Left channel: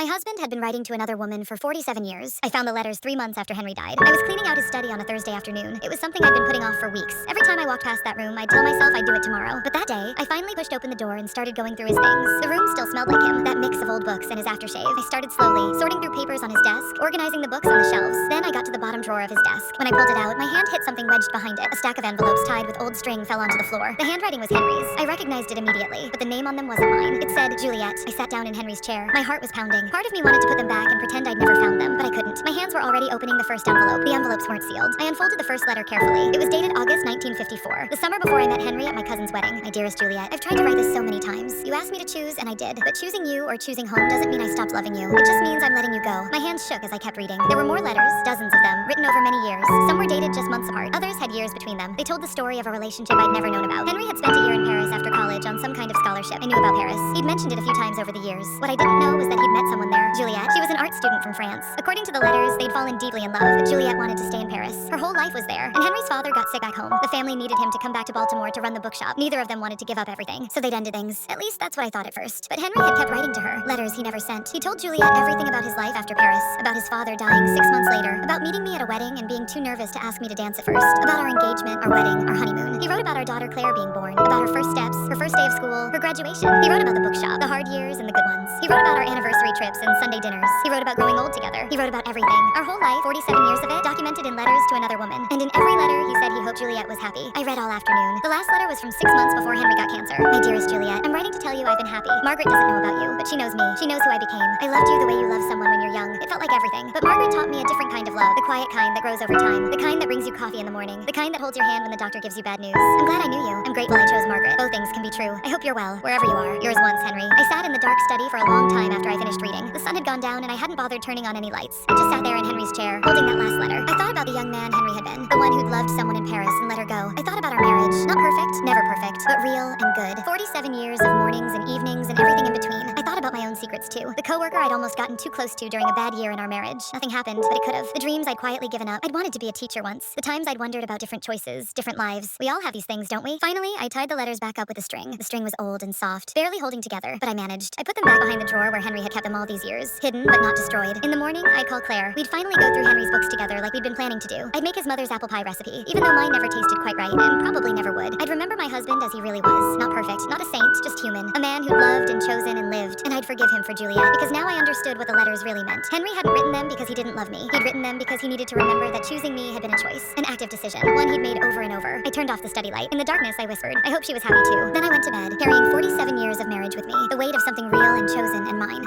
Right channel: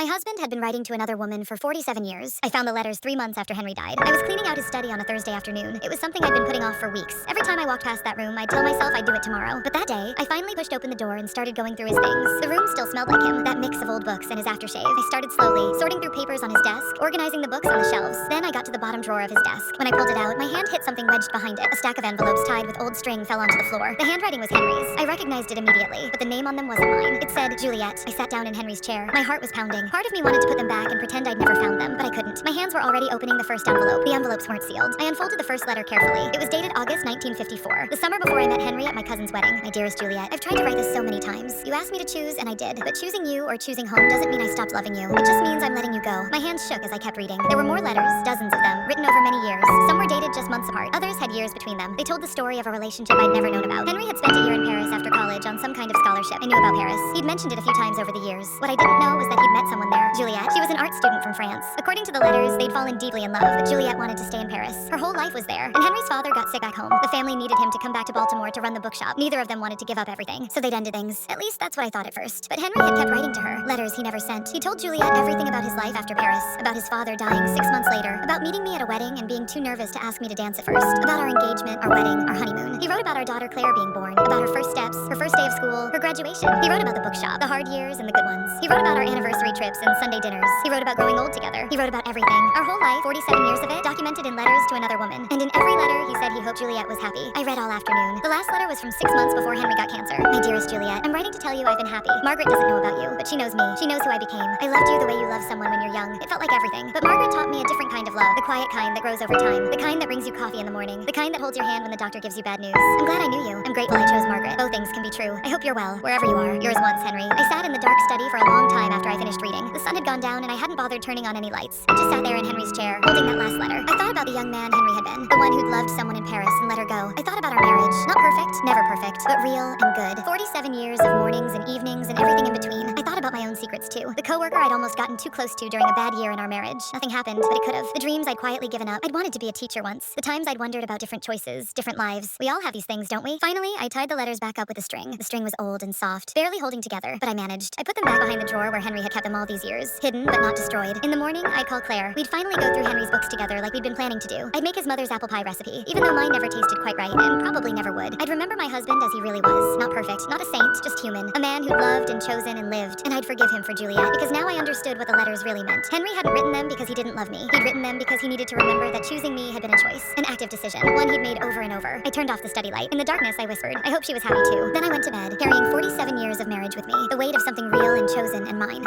My husband had been writing to another woman for 47 years. I found the letters 3 months after Henry died. I was cleaning out his study on a Thursday afternoon. It was something I'd been putting off for weeks. Every time I walked past that room, I'd tell myself I'd do it tomorrow. But that day, I finally pushed open the door and started going through his things. The room still smelled like him, that mix of old books and his aftershave. I started slowly, sorting through papers on his desk, organizing the books on the shelves. Then I got to the bottom drawer of his desk. When I pulled it out, my hand hit something wedged behind it. A stack of envelopes tied with old string fell onto the floor. The handwriting was Henry's. I recognized it immediately, but the name on them wasn't mine. It said Juliet. I sat down in Henry's chair. My heart was pounding. Part of me wanted to put them back and pretend I'd never found them, but I couldn't. My hands were already opening the first envelope. The envelopes weren't sealed. I unfolded the first letter carefully. It was dated August 1954, the summer before I met Henry at my cousin's wedding. My dearest Juliet, I've tried to write this so many times. You asked me to choose, and I did. But choosing you or choosing home doesn't mean I stopped loving you. It just means I'm letting you go. My hands shook as I kept reading. There were more letters, dozens of them, written over many years. Some were dated just months apart. Others had years between them. They told the story of a relationship I'd never known about. Henry had spent a year in Paris after college on some kind of scholarship. I knew about Paris. He'd mentioned it a few times over the years. What I didn't know was that he'd met someone there, Juliet. She was an art student from France. According to the letters, they'd fallen deeply in love, but Juliet wanted to stay in Paris. Her whole life was there, and Henry's father got sick back home. The family needed him to come back to Baltimore to run the bookshop. Neither of them wanted to give up everything, so they'd ended things. At least that's what I thought at first. But Henry had kept writing to her, letters he never sent. He told Juliet everything about his life after Paris, about his father dying 6 months later, about meeting me at a wedding and being too nervous to ask me to dance at first, about our engagement, our wedding, our honeymoon. He wrote about our daughter Claire being born, about her first steps, her first day of school, her graduation. He wrote about the bookshop, the hard years and the good ones. He wrote about our anniversary trips and Sunday dinners. He wrote about growing old together. He wrote about everything. Our whole life, 47 years of it, documented in letters to another woman. And in every letter, he said he hoped Juliet was happy. I read all afternoon. The last letter was from 6 months before Henry got cancer. My dearest Juliet, I'm writing to tell you I've been happy. Margaret doesn't know about you, but she knows me. She knows who I became. I loved you the way you love someone when you're young. It felt like everything. But Margaret taught me a different kind of love, the quiet kind that grows over time, the kind that brings you coffee in the morning, the kind that holds your hand when the doctor gives you bad news. I'm glad I knew you. I'm grateful I chose Margaret. Both things can be true. I hope you're well, wherever you are. Yours once, Henry. I sat in the dark study for a long time after I finished reading. The sun had gone down and I hadn't bothered turning on any lights. I just sat there in Henry's chair, holding that last letter. I thought about the young man Henry had been, the one who'd loved someone in Paris and let her go. I thought about our marriage. Not perfect, never perfect, but real and good. 47 years of mornings and evenings and everything in between. I thought about my own secrets too. The coworker I'd almost gotten too close to during a bad year in our marriage. Nothing happened, but it could have. The dreams I'd quietly given up. I'd wanted to be a teacher once. The times I'd wondered about different choices, different lives. We all have these things, don't we? Finally, I tied the letters back up with a string. The string was old and soft, barely holding together, but I managed. I put them back behind the drawer where Henry had kept them all these years, hidden but not destroyed. In the morning, I'd call Claire. We'd finally go through Henry's books together like we'd been planning to do. I'd make his mother's apple pie recipe, even though mine never tasted quite right and probably never would. I'd remember my husband as he really was. Not perfect, not a saint, just human. A man who'd loved and chosen and lived. And I'd forgive him for Juliet, because now I understood what the letters really meant. Henry hadn't written them because he didn't love me. He'd written them because he needed to remember that choosing me had been a choice, an active decision, one he'd made over and over. I turned off the study light. In the darkness, I whispered, I hope she was happy too. Then I went to bed, carrying 47 years of marriage with me, the weight of something real and chosen and mine.